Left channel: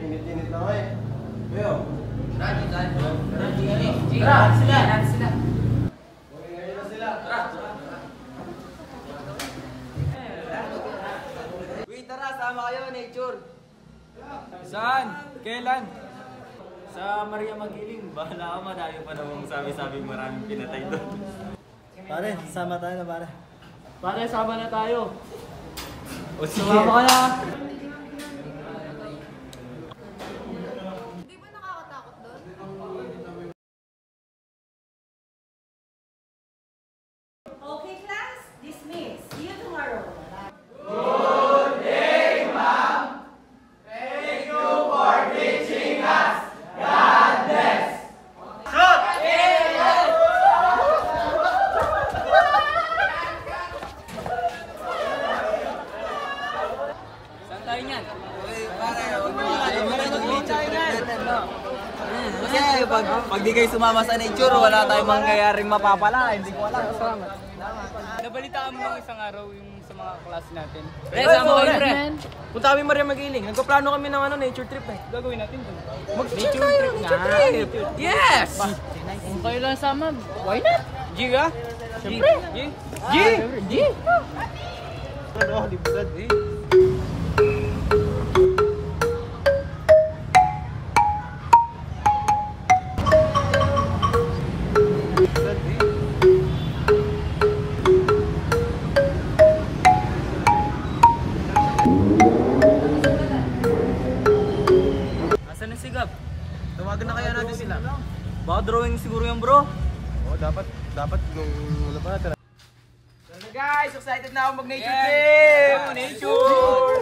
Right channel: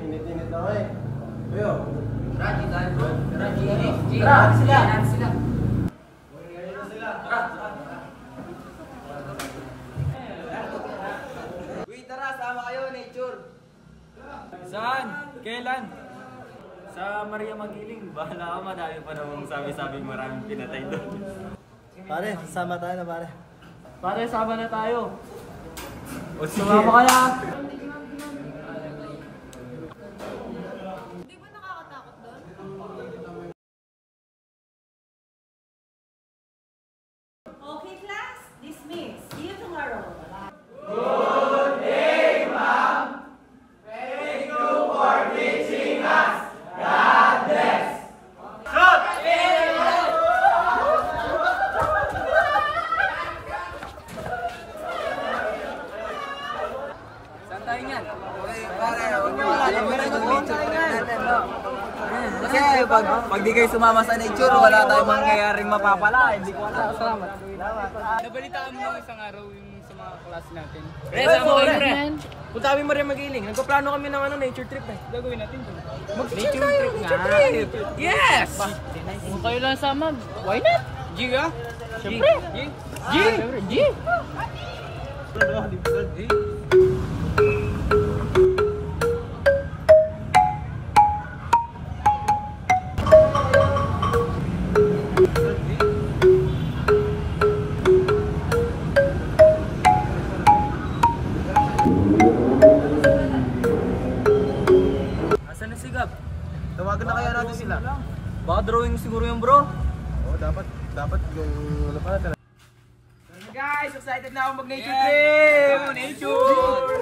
Init-init na eh. Kuya. Raji tayo bro. Raji. Tara, sila. Sila. Ngayon na sila. Tara. Uy, tara, sama kayo, nature. Saan? Kailan? Sa Maria Magiling. Bahala ka, madami pa namang sabi-sabi maraming pinatay doon. Pare, sama tayo na pare. Pare, sama na tayo. O sige. Sumama ka na. Hindi ba nakakatakot doon? Okay, class. Dismiss. See you tomorrow. Saan tayo niyan? Kasi pag di kayo sumama sa nature, wala tayong mangyayaring mapapala. Hindi ko alam. Nabalitaan mo nung isang araw yung sa mga class natin. Pre, sama kayo, pre. Punta kami Maria Magiling. Nagpaplano kami ng nature trip eh. Gagawin natin dun. Mag-nature trip nga. Yes! Kung kayo lang sama, why not? G ka? Siyempre. G? G? G? Asan na si Gab? Tawagan na kaya natin sila. Baka drawing siguro yung bro. Oh, dapat yung wala pa natin. So guys, excited na ako mag-nature trip! Nature!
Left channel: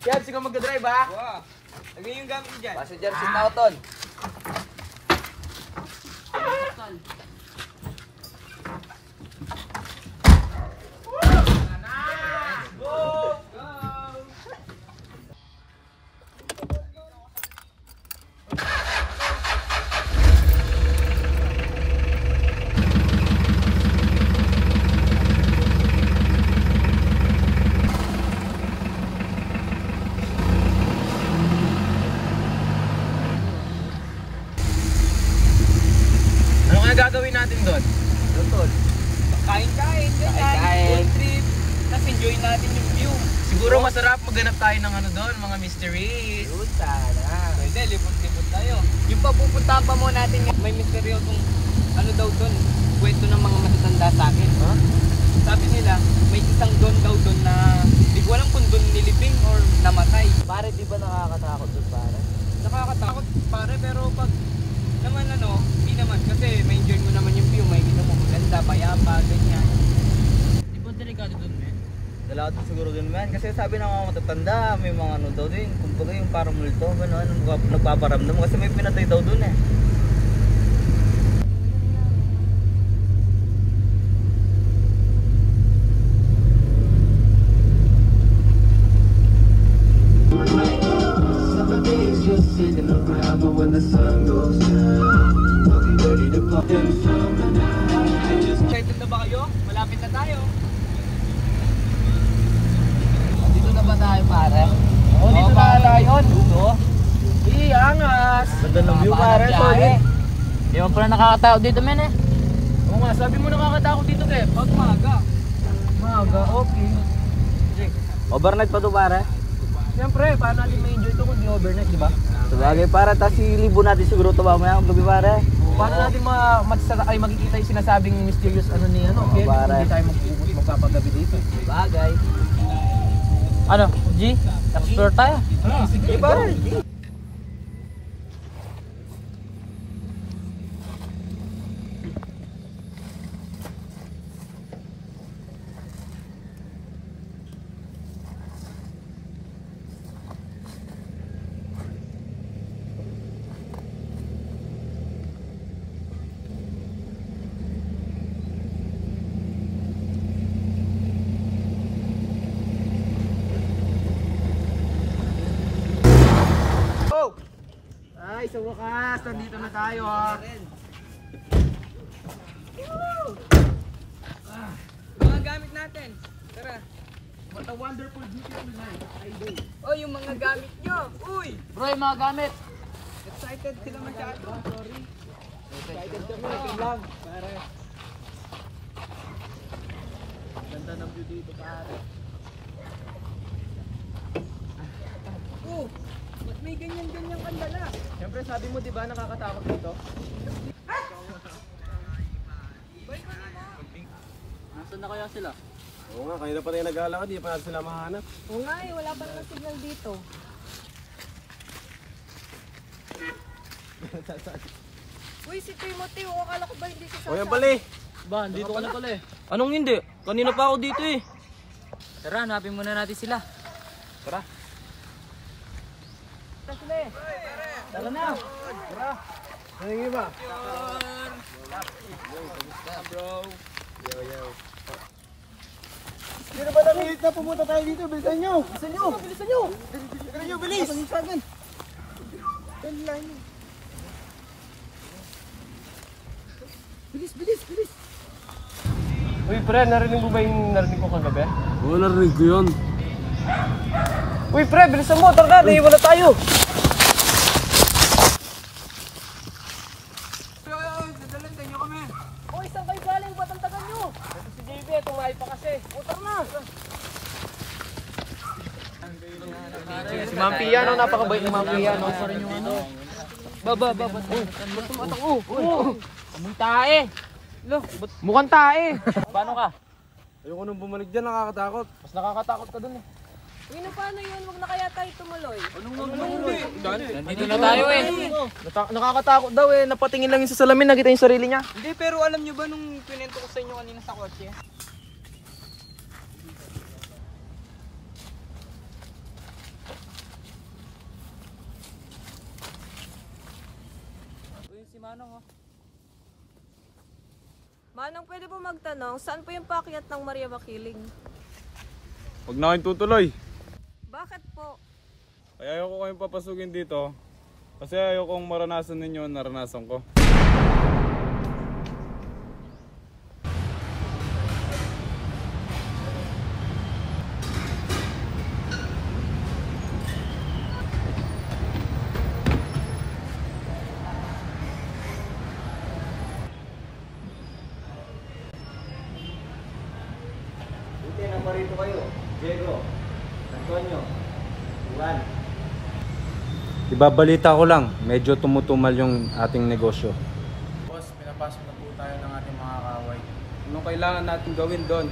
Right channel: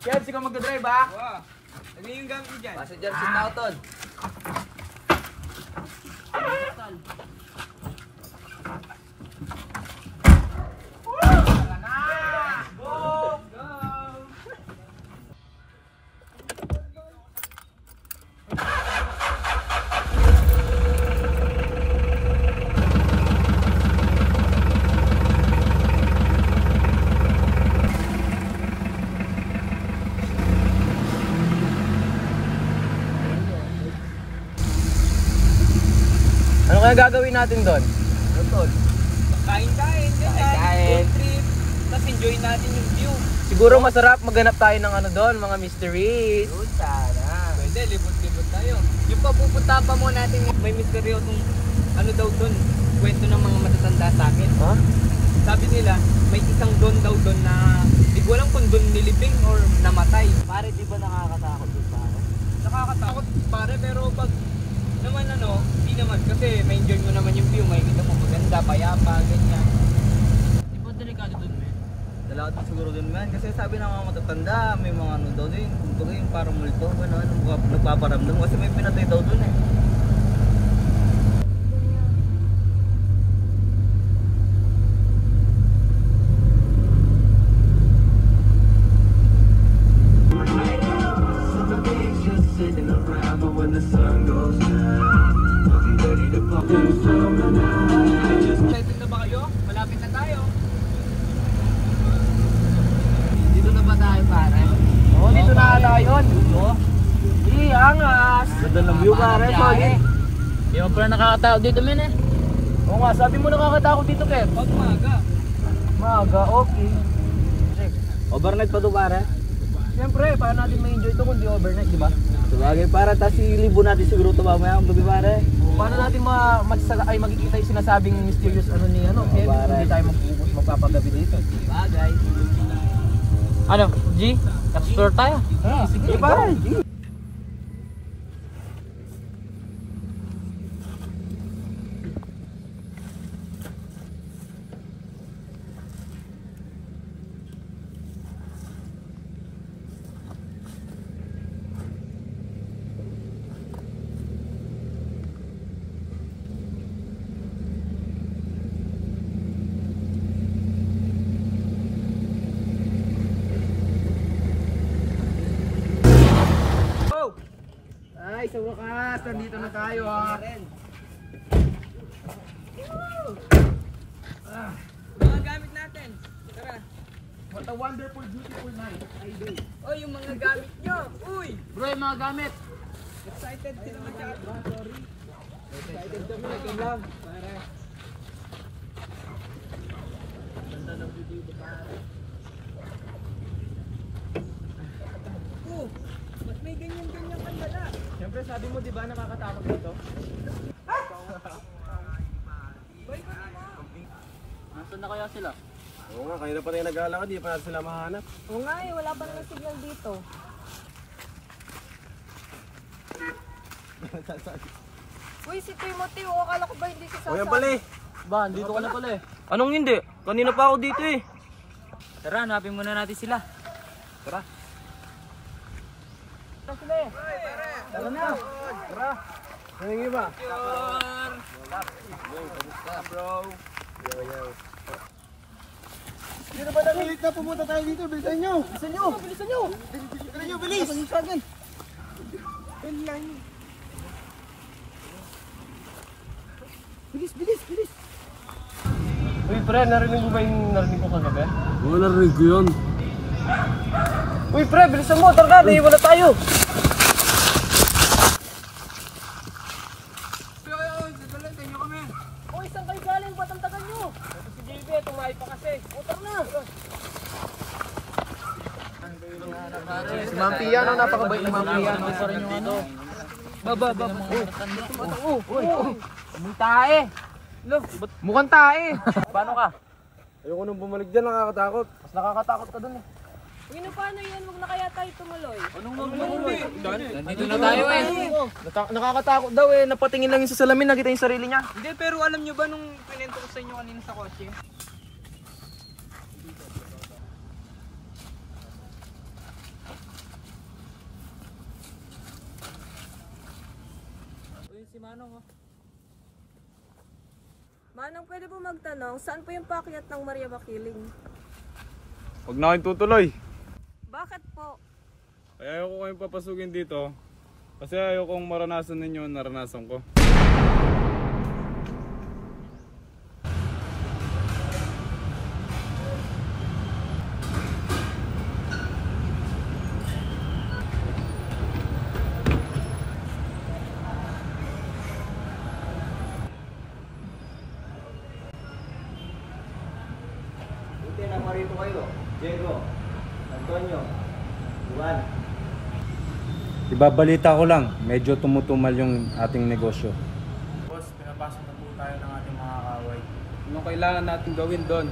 Kebs, ikaw magdadrive ha? Lagyan yung gamit mo dyan. Passenger seat na ako, Tol. Ano kaya gagawin natin doon? Tol. Kain-kain, Kain-kain. road trip. Tapos enjoy natin yung view. Siguro masarap maghanap tayo ng ano doon, mga mysteries. Tara. Pwede, libot-libot tayo. Yung papupuntahan pa mo natin, may misteryosong ano daw doon, kwento ng mga matatanda sa akin. Ha? Sabi nila, may isang don daw doon na di ko alam kung doon nilibing or namatay. Pare, di ba nakakatakot doon, pare? Nakakatakot pare, pero pag naman ano, hindi naman kasi may enjoy mo naman yung view, may kita mo maganda, payapa, ganyan. Di ba delikado doon, men? Dalawa siguro doon, man. Kasi sabi ng mga matatanda, may mga ano daw din. Kumbaga yung parang multo, gano'n, nagpaparamdam. Kasi may pinatay daw doon eh. Excited na ba kayo? Malapit na tayo. Dito na ba tayo, pare? Oo, dito na tayo. Dito? Angas! Ganda ng view, pare. Solid. Di mo pala nakakatakot dito, men eh. Oo nga, sabi mo nakakatakot dito, Kev. Pag maga. Maga, okay. Overnight pa to, pare? Siyempre, paano natin ma-enjoy ito kung di overnight, di ba? Sabagay, pare. Tapos ilibo natin siguro ito mamaya ang gabi, pare. Paano natin makikita yung sinasabing mysterious ano ni ano, Kev? pare. Hindi tayo magpapagabi dito. Sabagay. Ano, G? Explore tayo? Sige, pare. Ay, sa wakas, nandito na tayo ha. Mga gamit natin. Tara. What a wonderful, beautiful night. Ay, day. Oh, yung mga gamit nyo. Uy! Bro, yung mga gamit. Excited sila masyado. Sorry. Excited kami. Ito lang. Pare. Ganda ng view dito, pare. Oh, ba't may ganyan-ganyan kandala? Siyempre, sabi mo, di ba, nakakatakot dito? Nasaan na kaya sila? Oo nga, kanina pa tayo nag-aalakad, di pa natin sila mahanap. Oo nga eh, wala pa naman signal dito. Uy, si Timothy, akala ko ba hindi siya O yan pala eh. Ba, dito ka na pala eh. Anong hindi? Kanina pa ako dito eh. Tara, hanapin muna natin sila. Tara. Tara sila eh. Tara na. Tara. Ano yung iba? Bro. Yo. Sino ba nakilit na pumunta tayo dito? Bilisan nyo! Bilisan nyo! Bilisan nyo! Bilisan nyo, bilis! Bilis! Uy, pre, narinig mo ba yung narinig ko kagabi? Oo, narinig ko yun. Uy, pre, bilisan mo! Tara na, wala tayo! Uy, saan kayo galing? Ba't ang tagal nyo? Ito si JB, tumahay pa kasi. O, tara na! Si Ma'am Pia, no? Napakabait na Ma'am Pia, no? Pa rin yung ano. Baba. Mukhang tae. Mukhang tae. Paano ka? Ayoko nung bumalik dyan, nakakatakot. Mas nakakatakot ka dun eh. Uy, no, paano yan? Huwag na kaya tayo tumuloy. Nandito na tayo eh. Nakakatakot daw eh. Napatingin lang yung sa salamin, nakita yung sarili niya. Hindi, pero alam nyo ba nung kinento ko sa inyo kanina sa kotse? Si Manong oh. Manong, pwede po magtanong, saan po yung paakyat ng Maria Makiling? Huwag na kayong tutuloy. Bakit po? Kaya ayoko kayong papasukin dito. Kasi ayokong maranasan ninyo naranasan ko. Buti na parito kayo. Diego, Antonio, Juan. Ibabalita ko lang, medyo tumutumal yung ating negosyo. Boss, pinapasok na po tayo ng ating mga kaway. Anong kailangan natin gawin doon?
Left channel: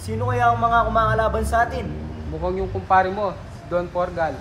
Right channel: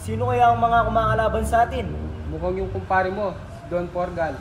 Sino kaya ang mga kumakalaban sa atin? Mukhang yung kumpare mo, si Don Porgal.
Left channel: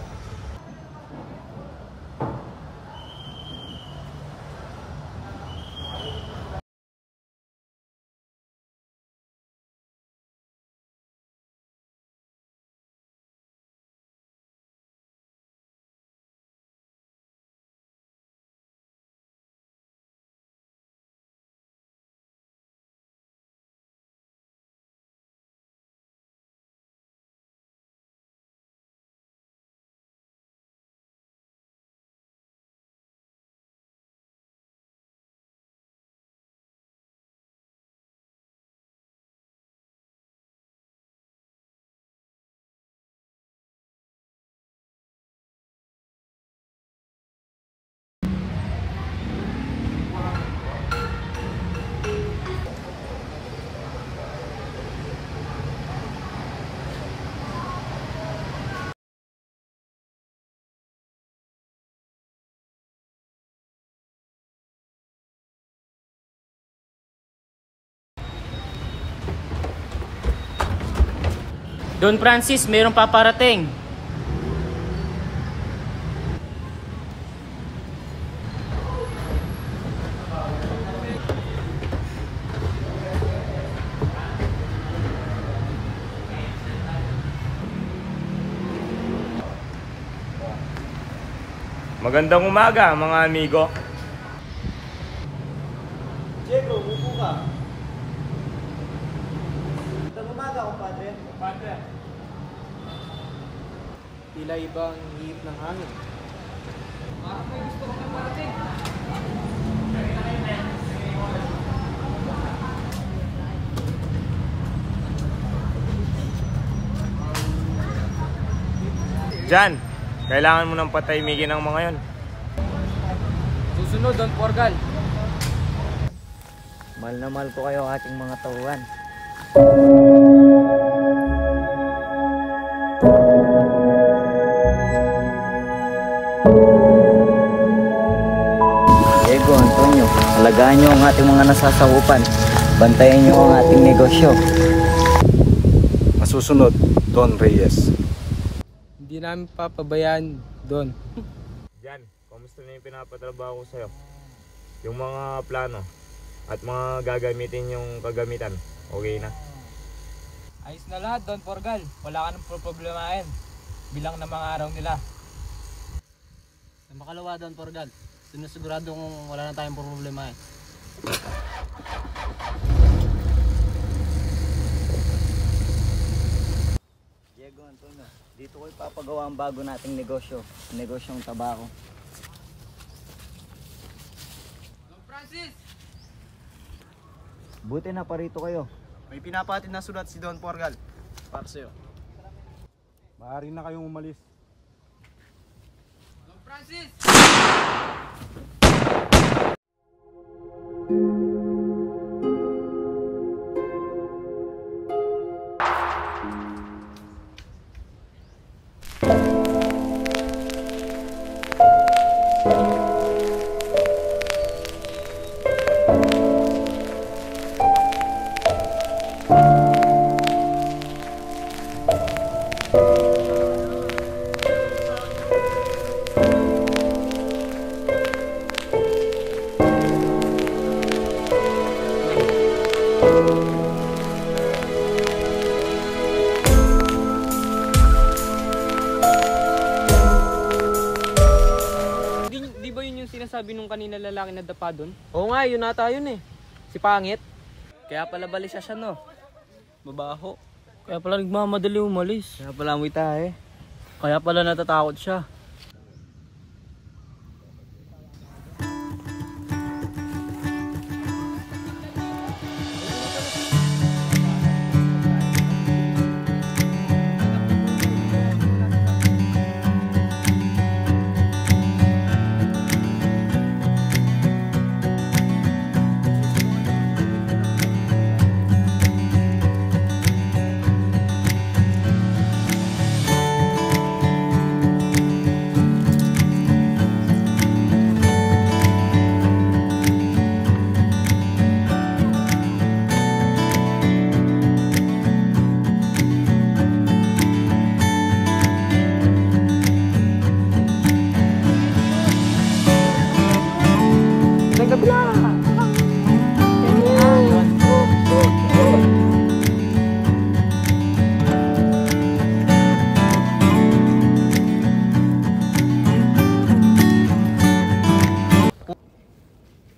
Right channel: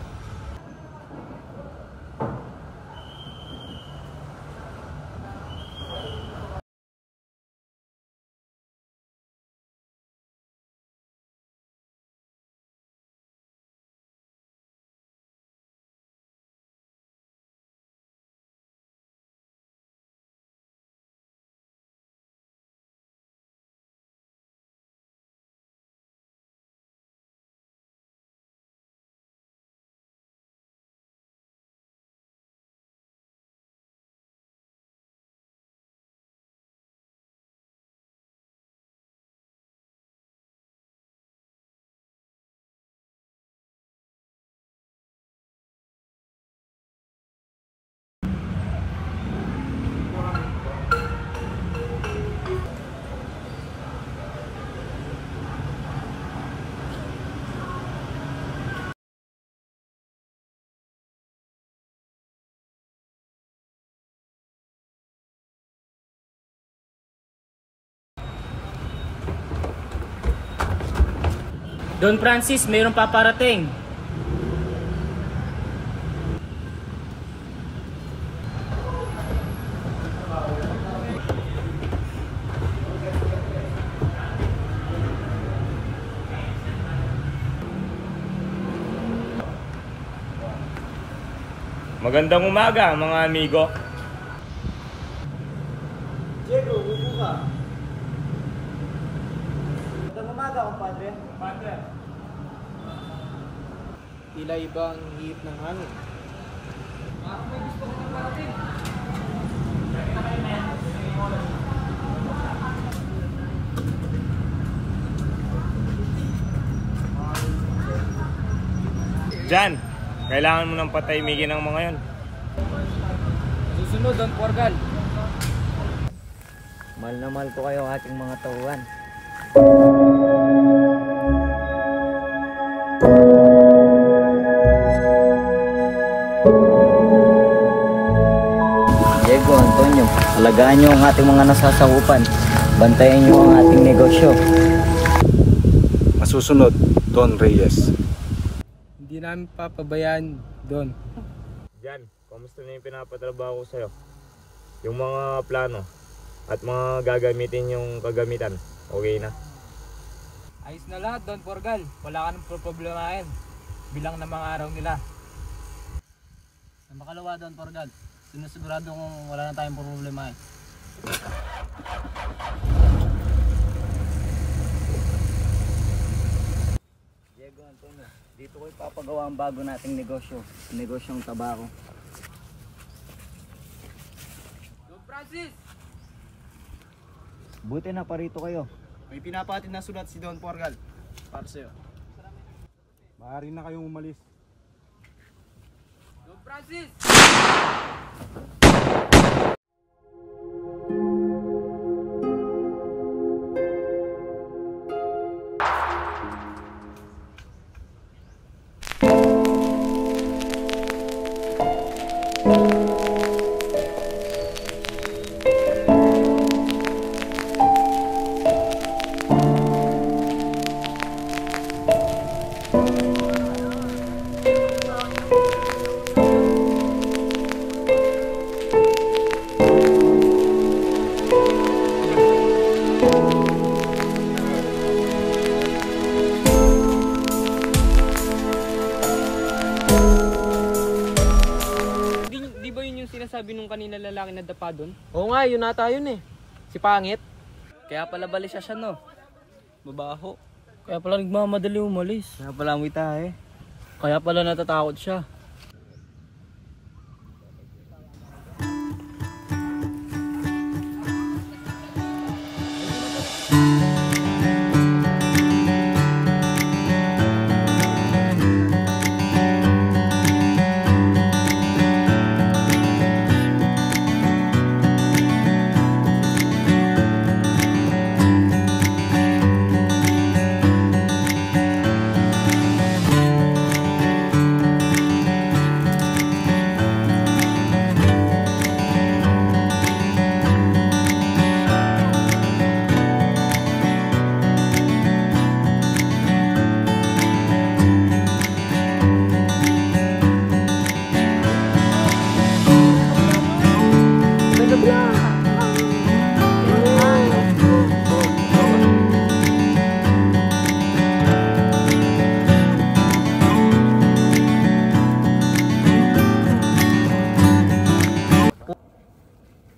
Don Francis, mayroong paparating. Magandang umaga mga amigo. Diego, upo ka. Magandang umaga, kumpadre. Tila ibang hihip ng hangin. Parang may gusto ko parating. Jan, Kailangan mo ng patahimikin ng mga yon. Susunod, Don Porgal. Mahal na mahal ko kayo ating mga tauhan. Diego, Antonio, alagaan nyo ang ating mga nasasakupan. Bantayan nyo ang ating negosyo. Masusunod, Don Reyes. Hindi namin papabayaan, Don. Jan, kamusta na yung pinapatrabaho ko sa'yo? Yung mga plano at mga gagamitin yung kagamitan, okay na? Ayos na lahat, Don Porgal. Wala ka nang problemahin. Bilang na mga araw nila. Sa makalawa, Don Porgal. Sinusigurado kung wala na tayong problema. Diego, Antonio, dito ko ipapagawa ang bago nating negosyo. Negosyong tabako. Don Francis! Buti na parito kayo. May pinapatid na sulat si Don Porgal para sa'yo. Maaari na kayong umalis. Don Francis! Di ba yun yung sinasabi nung kanina lalaki na dapa doon? Oo nga, yun nata yun eh. Si Pangit. Kaya pala bali siya no. Babaho. Kaya pala nagmamadali umalis. Kaya pala amoy tayo. Kaya pala natatakot siya.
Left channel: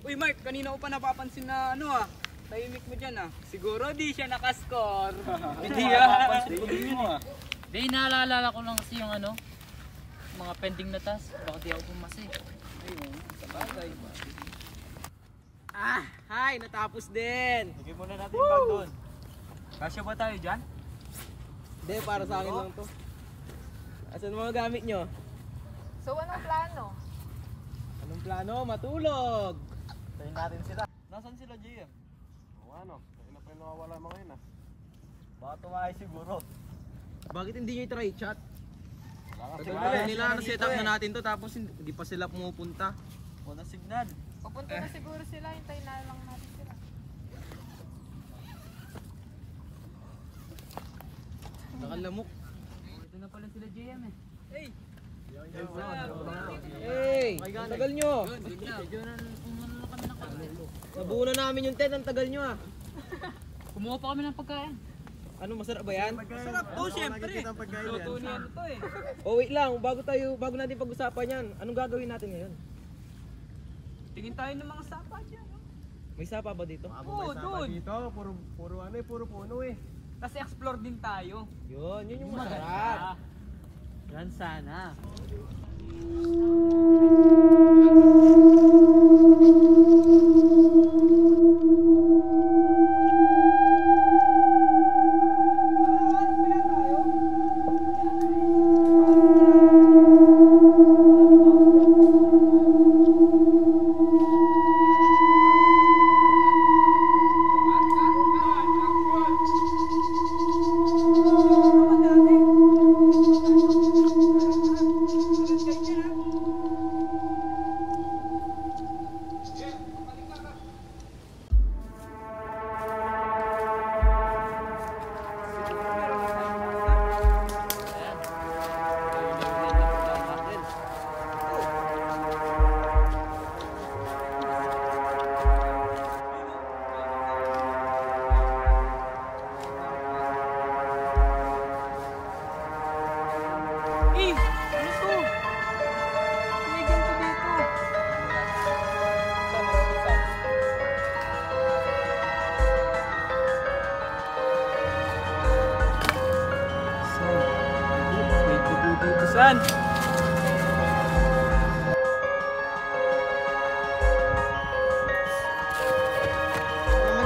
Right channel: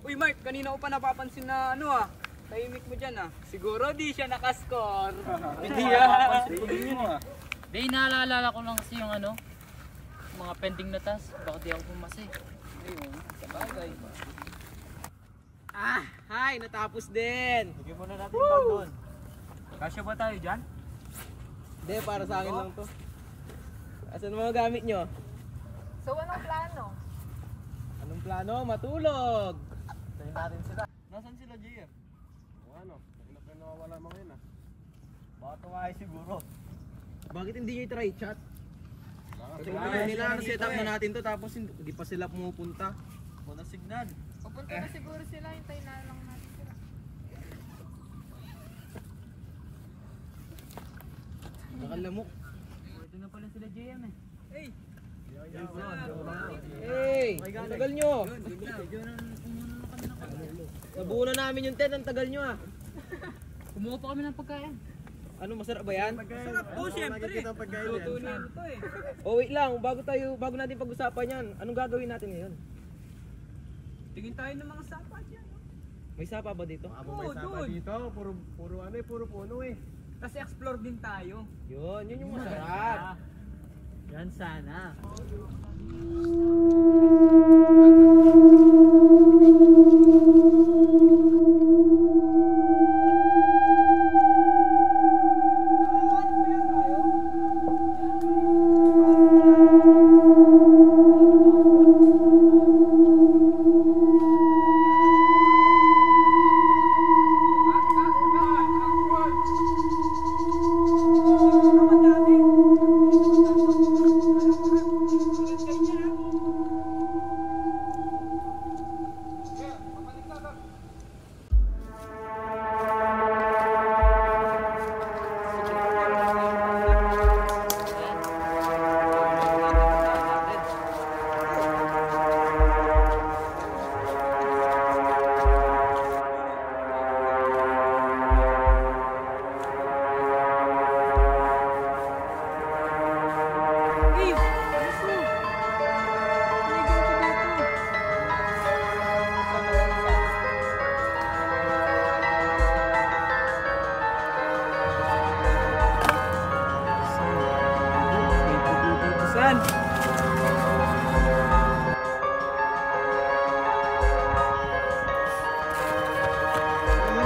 Uy Mark, kanina ko pa napapansin na tahimik mo dyan Siguro di siya nakascore. Hindi Di, naalala ko lang kasi yung mga pending na task. Bakit di ako pumasi? Ayun, sabagay. Hi, natapos din. Sige muna natin bag doon. Kasya ba tayo dyan? Hindi, para sa akin lang to. Asan mga gamit nyo? So, anong plano? Anong plano? Matulog! Tayo natin sila. Nasaan sila, JM? Ano? Kaya pa nawawala mga yun Baka tumakay siguro. Bakit hindi nyo i-try chat? Siguro Nila na-set up na natin to tapos hindi pa sila pumupunta. Wala signal. Pupunta na siguro sila, hintayin na lang natin sila. Nakalamok. Ito na pala sila JM eh. Hey! Ang tagal nyo! Nabuo na namin yung tent, ang tagal nyo Kumuha pa kami ng pagkain. Ano, masarap ba yan? Masarap po, syempre. Luto niya to Oh, wait lang, bago natin pag-usapan yan, anong gagawin natin ngayon? Tingin tayo ng mga sapa dyan. May sapa ba dito? May sapa dito, puro puno eh. Kasi explore din tayo. Yun yung masarap. Yan sana.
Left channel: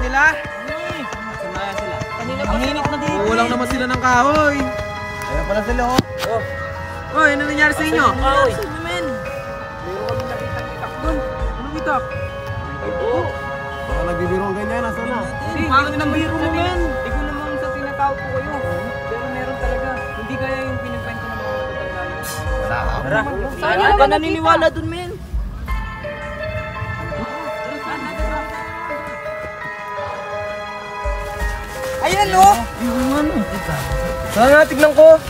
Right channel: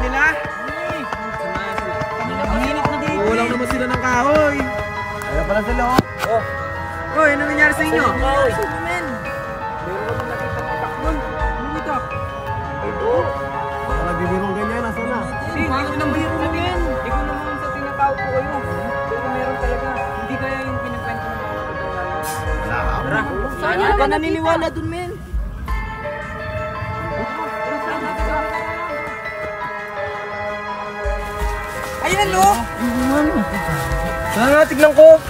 nila. Sumaya sila. Ang hinok na dito. Kulang naman sila ng kahoy. Ayan pala sila oh. Oh. Oy, ano nangyari sa inyo? Kahoy. Men. Meron kami nakita ng itak doon. Anong itak? Ito. Baka nagbibirong ganyan, nasa na? Hindi, bakit nang biro mo yan? Hindi ko naman sa tinatawag ko kayo. Pero meron talaga. Hindi kaya yung pinakwento ng mga matatanda yun. Wala ka. Tara, saan ka naniniwala dun, men? Ayan, no? Sana, tignan ko.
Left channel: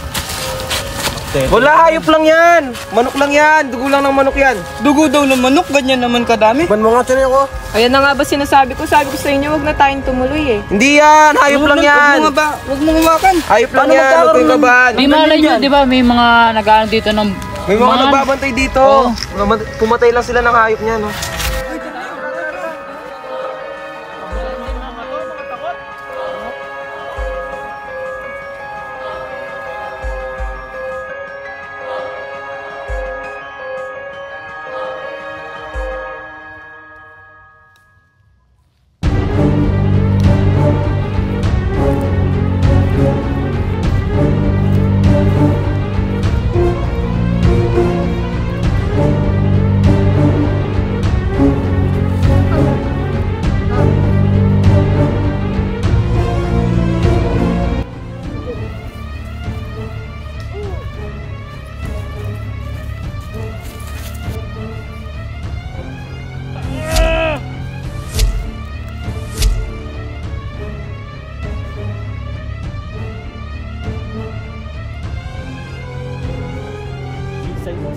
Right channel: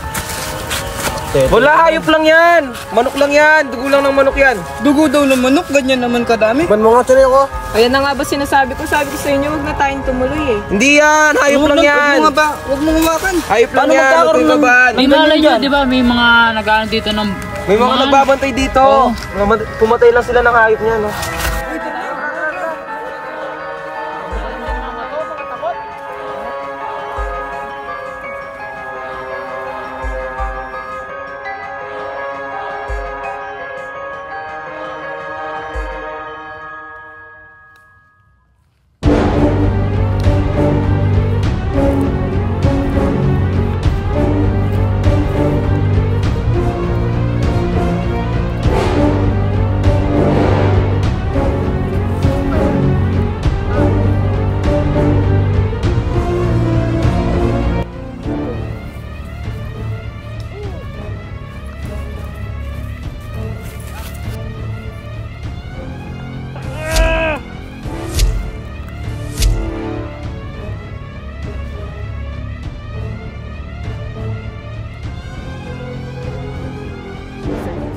Wala, hayop lang yan. Manok lang yan. Dugo lang ng manok yan. Dugo daw ng manok, ganyan naman kadami. Ban mo nga sila ko. Ayan na nga ba sinasabi ko? Sabi ko sa inyo, huwag na tayong tumuloy eh. Hindi yan. Hayop lang yan. Huwag mo hawakan. Hayop lang yan. Huwag kayo babaan. May mga nyo, di ba? May mga nag-ano dito ng... May mga nagbabantay dito. Pumatay lang sila ng hayop niyan. No?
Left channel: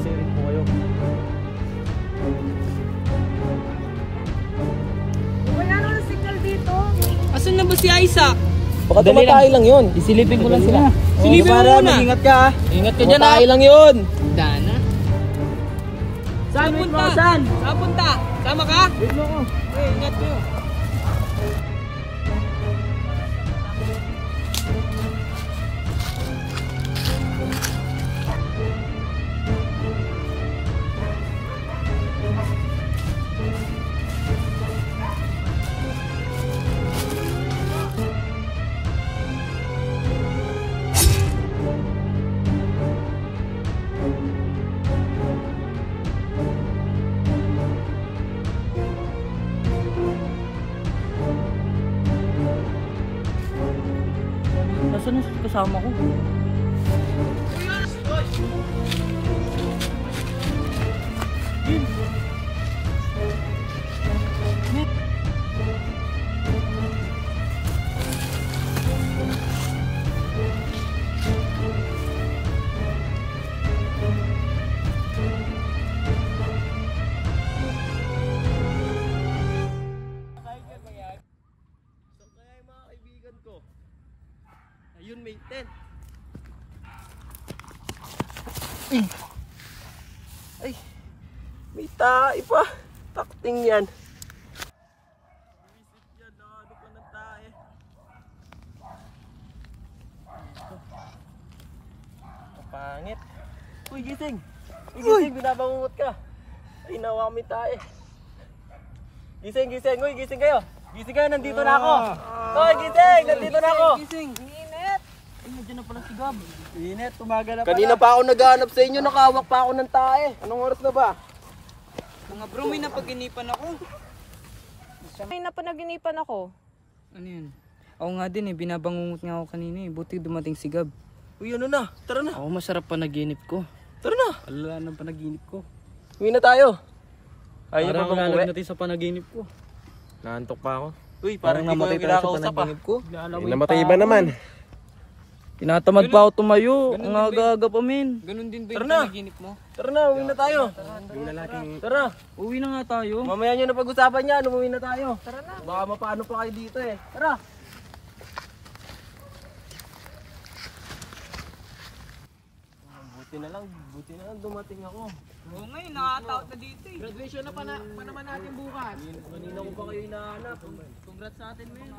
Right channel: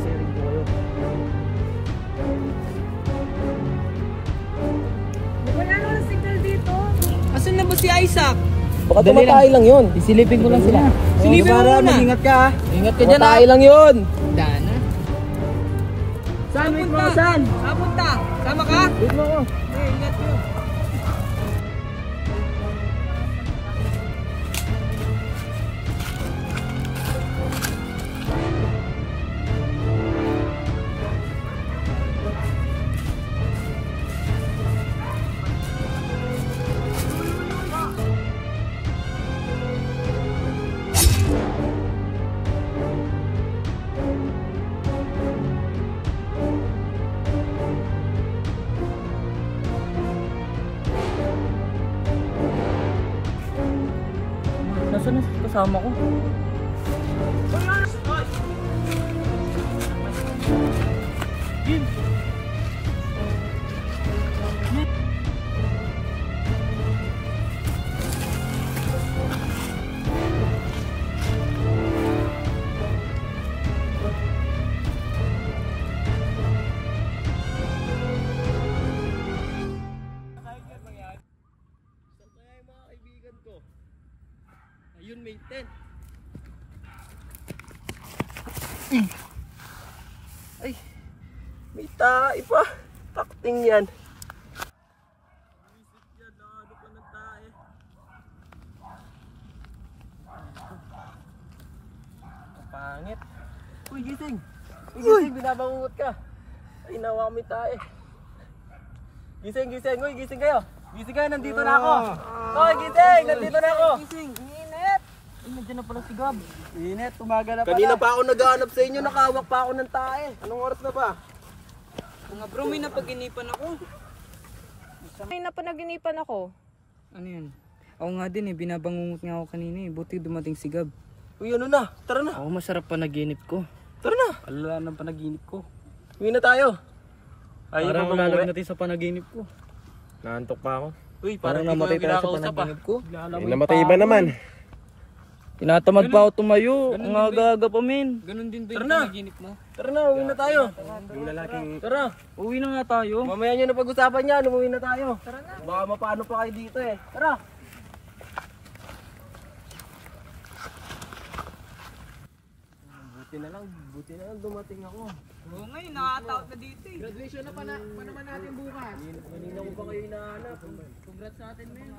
Sharing po kayo. Wala na ng signal dito. Asan na ba si Isaac? Baka tumatay lang yun. Isilipin ko lang sila. Silipin mo muna. Ingat ka ha. Ingat ka dyan ha. Tumatay lang yun. Dana. Saan punta? Saan punta? Sama ka? Wait mo ko. Ingat nyo. Nasaan na kasama ko? Ayun, may tent. Ay, may tae pa. Takting yan. Visit yan, ano pa ng tae. Kapangit. Uy, gising. Uy, gising, binabangungot ka. Ay, nawa kami tae. Gising, gising. Uy, gising kayo. Gising kayo, nandito na ako. Uy, gising, nandito na ako. Gising. Ay, nandiyan na pala si Gab. Init, tumaga na pala. Kanina pa ako naghahanap sa inyo, nakahawak pa ako ng tae. Anong oras na ba? Mga bro, may napaginipan ako. May napanaginipan ako. Ano yan? Ako nga din eh, binabangungot nga ako kanina eh. Buti dumating si Gab. Uy, ano na? Tara na. Ako masarap panaginip ko. Tara na. Alala ng panaginip ko. Uwi na tayo. Parang lalagay natin sa panaginip ko. Naantok pa ako. Uy, Parang namatay tayo sa panaginip ko. Namatay iba naman. Tinatamad pa ako tumayo. Ang aga-aga pa men. Ganun din ba Tara yung na. panaginip mo? Tara na, uwi na tayo. Yung lalaking... Tara. Uwi na nga tayo. Mamaya nyo na pag-usapan yan, umuwi na tayo. Tara na. Baka mapaano pa kayo dito eh. Tara. Buti na lang dumating ako. Oo nga, nakataot na dito eh. Graduation na pa naman natin bukas. Kanina ko pa kayo hinahanap. Congrats sa atin, men.